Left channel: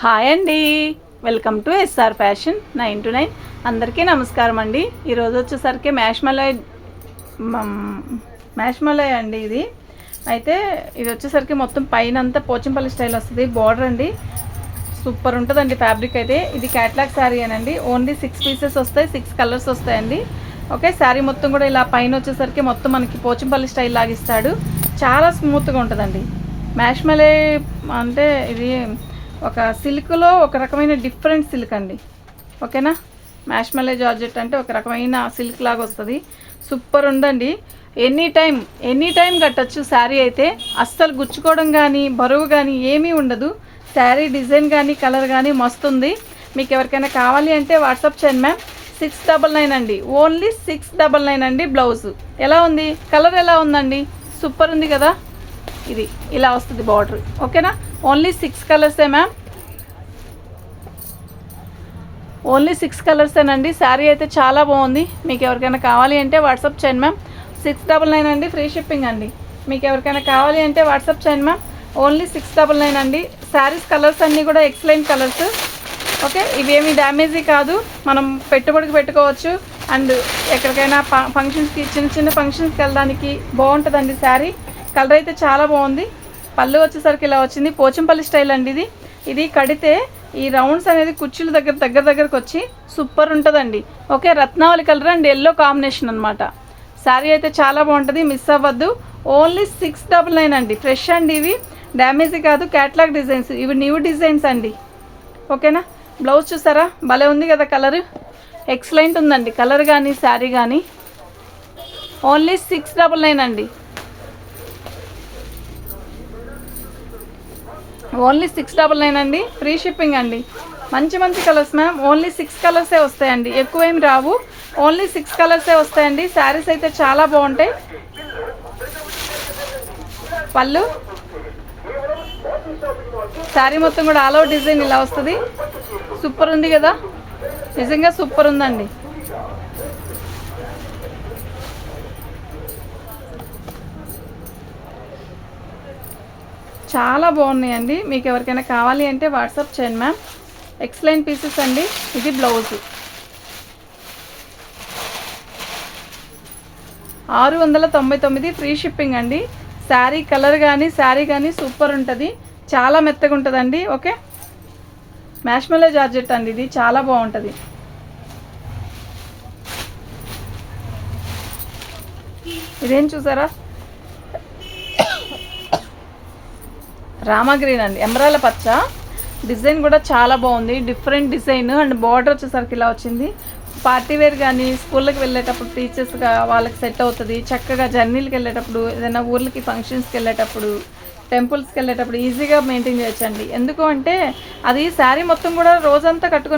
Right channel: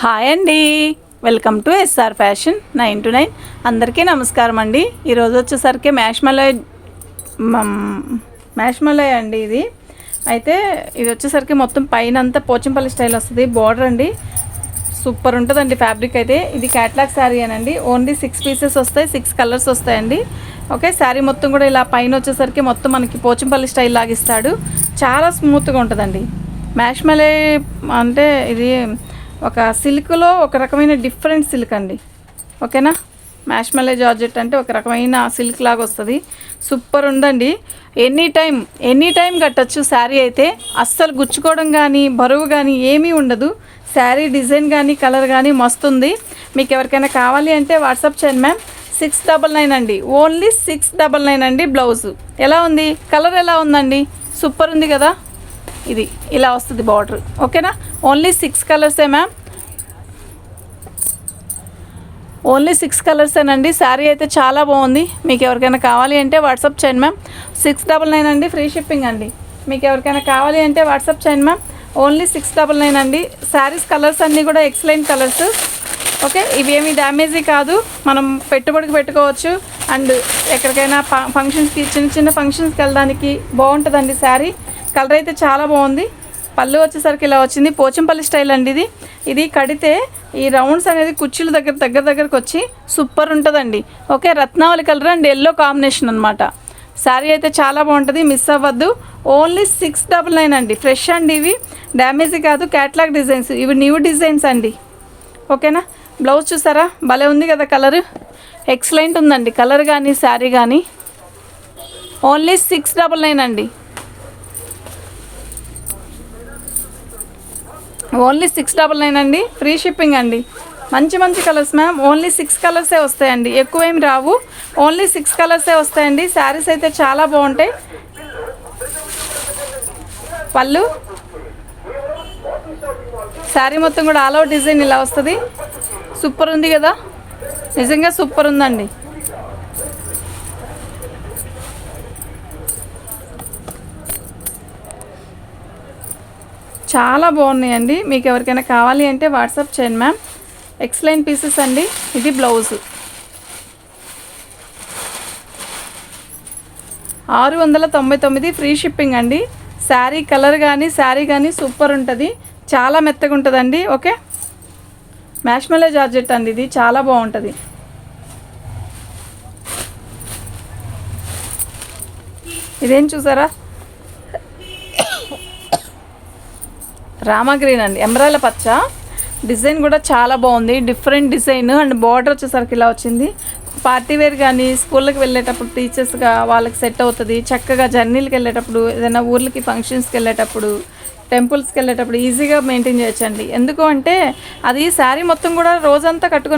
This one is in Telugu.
హాయ్ అండి, welcome to SR fashion 9 to 9. అందరికీ నమస్కారం అండి. ఈరోజు వచ్చేసరికి మ్యాష్మలై అండి. ఇది అయితే ఇది వచ్చేసరికి మొత్తం పైన అంతా పోచంపల్లి స్టైల్ వస్తుంది. బార్డర్ అండి, సూపర్ ఉంటుందండి. ఫ్యాబ్రిక్ అయితే ఇది క్యాట్లాగ్ శారీ అనండి. ఓన్లీ 6 పీసెస్ వస్తాయి, 6 కలర్స్ వస్తాయండి. ఓకే, శారీ మొత్తం కూడా ఇలా పైన వచ్చేసరికి మొత్తం మనకి పోచంపల్లి స్టైల్ లాగిస్తాడు. చాలా స్మూత్గా ఉంటుందండి. మ్యాష్మలై అంటే ఇది ఒక సిల్క్లో ఒక రకమైన డిఫరెంట్ సిల్క్ అండి. ఓకేనా, మ్యాష్మలై జార్జెట్ అంటే ఒక రకమైన సిల్క్ లాగా వస్తుంది. సూపర్ ఉందండి. ఎనీ టైం కట్టచ్చు. శారీ అయితే అస్సలు గుచ్చుకోవడం కానీ బరువు కానీ ఏమీ ఉండదు. శారీ డిజైన్ కానీ కలర్ కానీ మస్తుంది. మీకు ఎవరికైనా కావాలి అంటే వాట్సాప్ చేయండి మ్యామ్. 699 అండి, ఓన్లీ 699 అండి. బ్లౌజు ఎలా ఉంది, కలర్ ఎలా ఉందండి, సూపర్ ఉంది కదా. ఇది ఇలా వస్తుంది బార్డర్. ఓకేనా, ఓన్లీ 6 కలర్సే మ్యామ్, ఓన్లీ 6 కలర్సేనండి. శారీ అయితే చాలా బాగుంది. మీకు ఎవరికైనా కావాలి అంటే వాట్సాప్ చేయండి మ్యామ్. 699 అండి, ఫ్రీ షిప్పింగ్ అండి. మీకు ఎవరికైనా కావాలి అంటే వాట్సాప్ చేయండి మ్యామ్. ఓన్లీ 699 అండి. శారీస్ కలర్స్ అన్నీ కూడా ఎక్సలెంట్ కలర్స్. ఓకే, ఇవేమీ డ్యామేజీ కాదు, మనం పెట్టుబడికి పెట్టుకోవచ్చు. అండ్ ఎక్కడికైనా ఫంక్షన్స్కి, చిన్న ఫంక్షన్స్కి వెళ్ళడానికి బాగుంటుందండి. శారీ కలర్ అయితే చాలా బాగుంది. పళ్ళు వచ్చేసరికి ఇలా వచ్చింది, పోచంపల్లి స్టైల్ అండి. ఇది కడితే ఈ రౌండ్స్ అనేది కుర్చీలు దగ్గరకు వచ్చి సూపర్ ఉంటుందండి. ఓకే, రత్నావళి కలర్ అండ్ ఎల్లో కాంబినేషన్ అనమాట. శారీ అయితే చాలా బాగుంటుంది, మిస్ అవ్వద్దు. ఓన్లీ 699 అండి. ఫ్రెష్ అండి, ఇవి డ్యామేజీ కాదు, క్యాట్లాగ్ డిజైన్స్, ఇవి న్యూ డిజైన్స్ అండి. ఓకేనా, బ్లౌజ్ చూసారా, భలే ఉంది కదా. కలర్ ఎక్సలెంట్ ఉందండి, కలర్ కానీ శారీ కానీ. ఓన్లీ 699 అండి, ఓన్లీ 699 అండి, ఫ్రీ షిప్పింగ్ అండి. మంచి కలర్స్ మ్యామ్. ఓన్లీ 6 కలర్సే వస్తాయండి, ఎక్కువేమి రావు. ఓన్లీ 6 కలర్సే వస్తాయండి. శారీస్ అయితే చాలా బాగుంటాయి. పళ్ళు, శారీ మొత్తం కూడా ఆల్ ఓవర్ డిజైన్ ఇలా వస్తుంది. సూపర్ ఉంది కదా, నిజంగా సూపర్ ఉందండి. చాలా బాగున్నాయండి. మీకు ఎవరికైనా కావాలి అంటే వాట్సాప్ చేయండి మ్యామ్. ఎక్సలెంట్ పీసెస్ అండి. ఇది బ్లౌజు 699, ఫ్రీ షిప్పింగ్ అండి. శారీ కలర్ కానీ సూపర్ ఉంటుంది, చాలా మెత్తగా ఉంటుందండి. ఓకే, మ్యాష్మలై జార్జెట్ అండి, ఇది చాలా బాగుంటుంది. ఇదేం చూసారా, రామా గ్రీన్ అండి, ఎమరాల పచ్చ. డిజైన్ కూడా చాలా బాగుంది, డిఫరెంట్ డిజైన్. అండ్ బార్డర్ వచ్చేసరికి ఇలా వచ్చింది. పార్టీ వేర్ కానీ స్కూళ్ళకి వెళ్ళేటప్పుడు టీచర్స్గా వాళ్ళకి సెట్ అవుతుంది. చక్కగా జర్నీలకు వెళ్ళేటప్పుడు, ఏదైనా ఊర్లకి ఫంక్షన్స్కి వెళ్ళేటప్పుడు, టెంపుల్స్కి వెళ్ళేటప్పుడు ఈజీగా మెయింటైన్ చేయొచ్చండి. ఎందుకు అంటే అది శారీ మొత్తం కూడా రోజంతా కట్టుకుని